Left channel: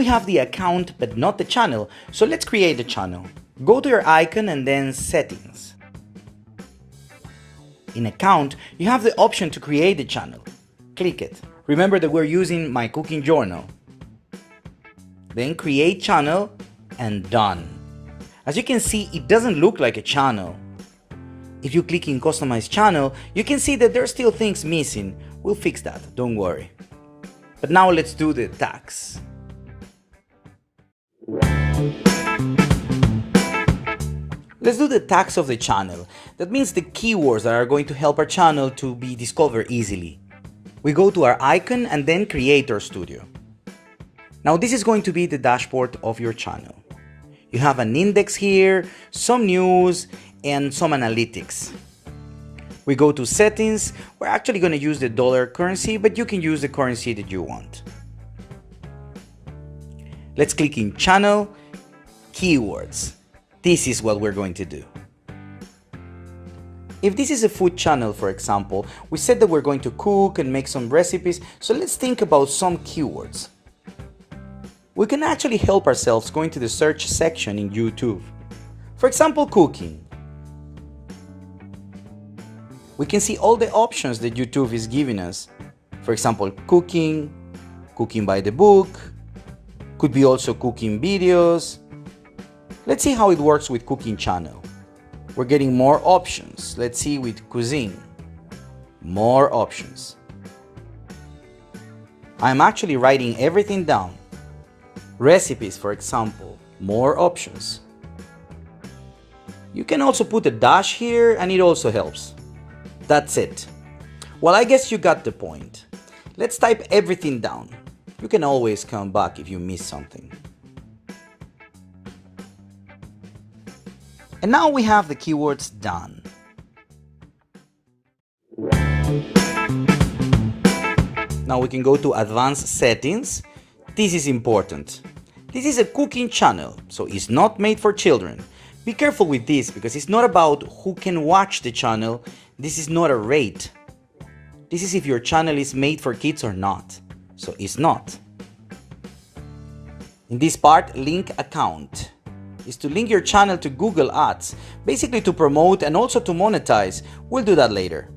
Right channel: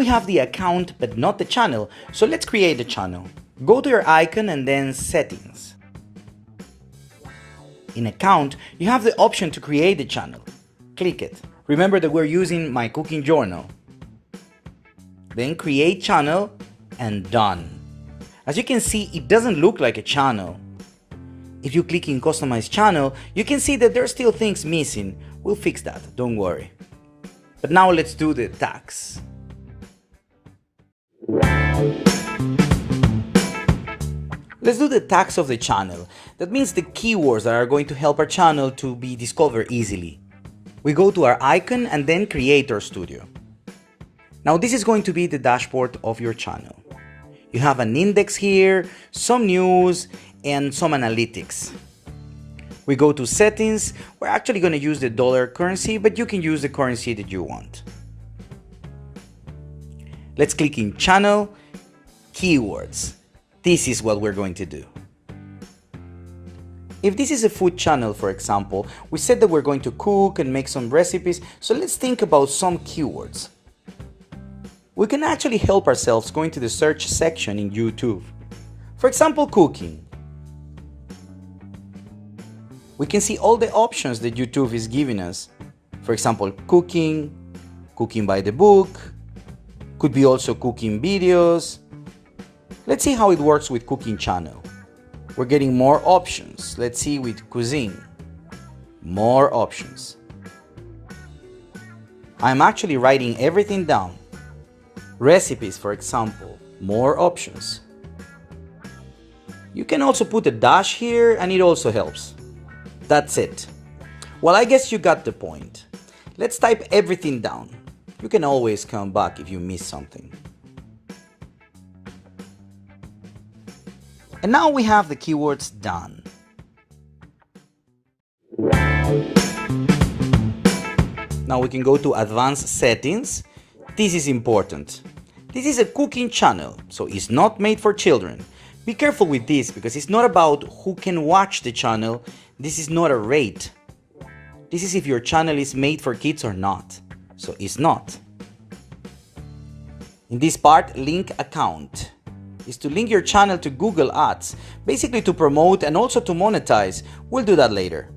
we have the account but not the channel, so let's create the channel. Go to your icon and then Settings. In Account, you have the option to create the channel. Click it. Remember that we're using my cooking journal. Then Create Channel and Done. As you can see, it doesn't look like a channel. If you click in Customize Channel, you can see that there are still things missing. We'll fix that, don't worry. But now let's do the tags. Let's do the tags of the channel. That means the keywords that are going to help our channel to be discovered easily. We go to our icon and then Creator Studio. Now this is going to be the dashboard of your channel. You have an index here, some news, and some analytics. We go to Settings. We're actually going to use the dollar currency, but you can use the currency that you want. Let's click in Channel, Keywords. This is what we're going to do. If this is a food channel, for example, we said that we're going to cook and make some recipes, so let's think about some keywords. We can actually help ourselves going to the search section in YouTube. For example, cooking. We can see all the options that YouTube is giving us. For example, cooking, cooking by the book, could be also cooking videos. Let's see how it works with cooking channel. We're getting more options. Let's see with cuisine. More options. I'm actually writing everything down. Recipes, for example, more options. You can also put a dash here and it also helps. That's it. Well, I guess you got the point. Let's type everything down. You can always come back if you miss something. And now we have the keywords done. Now we can go to Advanced Settings. This is important. This is a cooking channel, so it's not made for children. Be careful with this because it's not about who can watch the channel. This is not a rate. This is if your channel is made for kids or not. So it's not. In this part, link account is to link your channel to Google Ads, basically to promote and also to monetize. We'll do that later.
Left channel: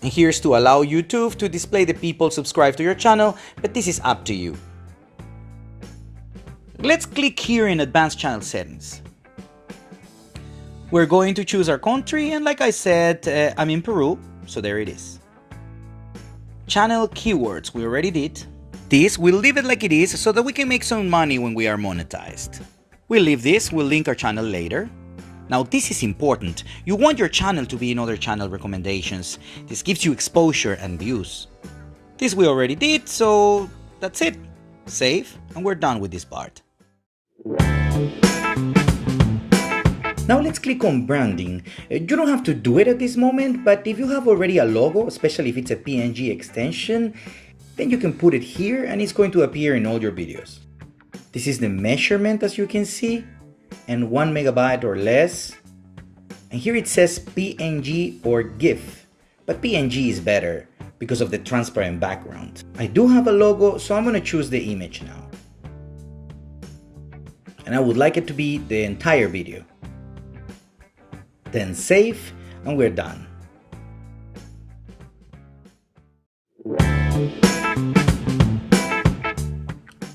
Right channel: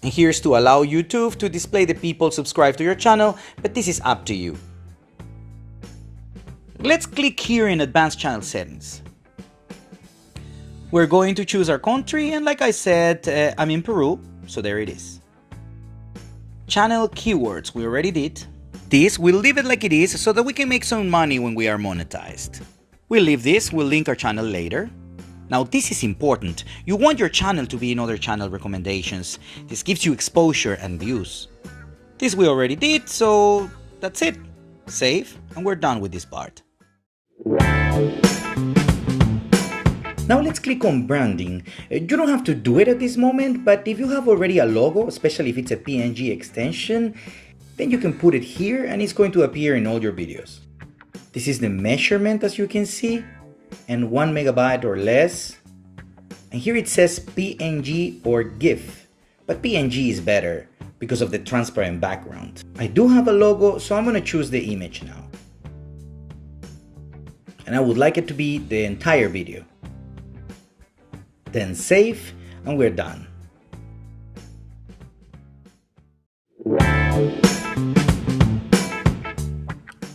And here's to allow YouTube to display the people subscribed to your channel, but this is up to you. Let's click here in Advanced Channel Settings. We're going to choose our country, and like I said, I'm in Peru, so there it is. Channel keywords, we already did. This, we'll leave it like it is so that we can make some money when we are monetized. We'll leave this, we'll link our channel later. Now this is important. You want your channel to be in other channel recommendations. This gives you exposure and views. This we already did, so that's it. Save, and we're done with this part. Now let's click on branding. You don't have to do it at this moment, but if you have already a logo, especially if it's a PNG extension, then you can put it here and it's going to appear in all your videos. This is the measurement, as you can see, and 1 megabyte or less. And here it says PNG or GIF, but PNG is better because of the transparent background. I do have a logo, so I'm going to choose the image now. And I would like it to be the entire video. Then save, and we're done.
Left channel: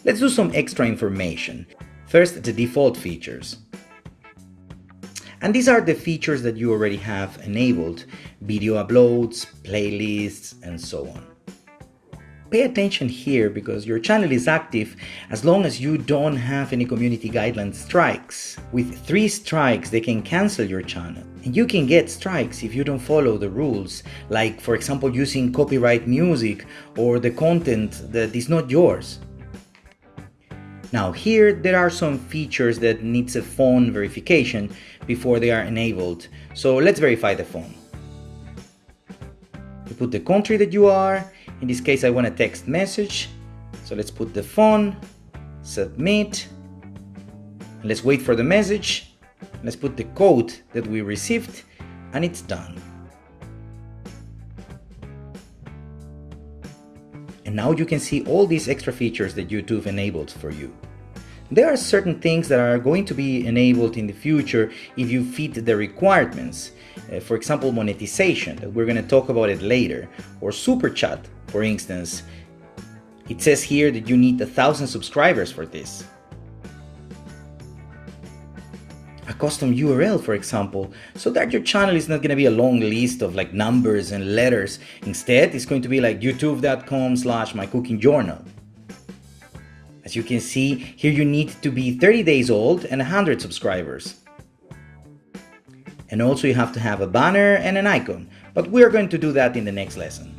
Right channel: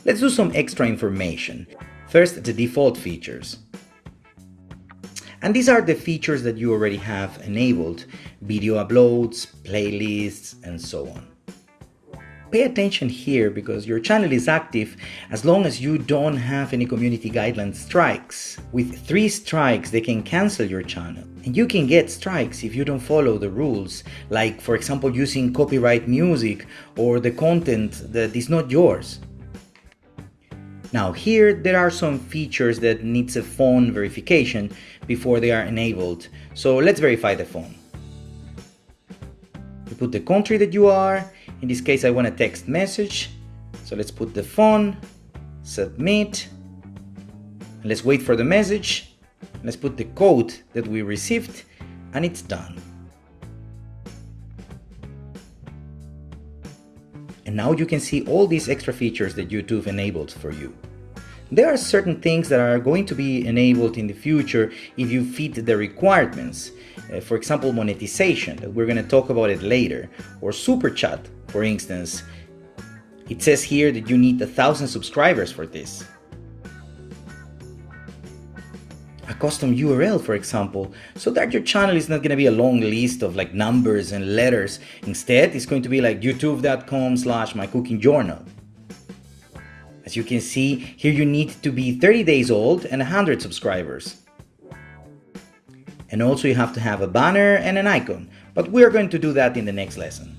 Let's do some extra information. First, the default features. And these are the features that you already have enabled: video uploads, playlists, and so on. Pay attention here because your channel is active as long as you don't have any community guideline strikes. With 3 strikes, they can cancel your channel. And you can get strikes if you don't follow the rules, like for example using copyright music or the content that is not yours. Now here there are some features that needs a phone verification before they are enabled. So let's verify the phone. You put the country that you are. In this case I want a text message. So let's put the phone, submit. Let's wait for the message. Let's put the code that we received, and it's done. And now you can see all these extra features that YouTube enabled for you. There are certain things that are going to be enabled in the future if you fit the requirements. For example, monetization, that we're going to talk about it later, or super chat, for instance. It says here that you need 1,000 subscribers for this. A custom URL, for example, so that your channel is not going to be a long list of like numbers and letters. Instead, it's going to be like youtube.com/mycookingjournal. As you can see, here you need to be 30 days old and 100 subscribers. And also you have to have a banner and an icon, but we're going to do that in the next lesson.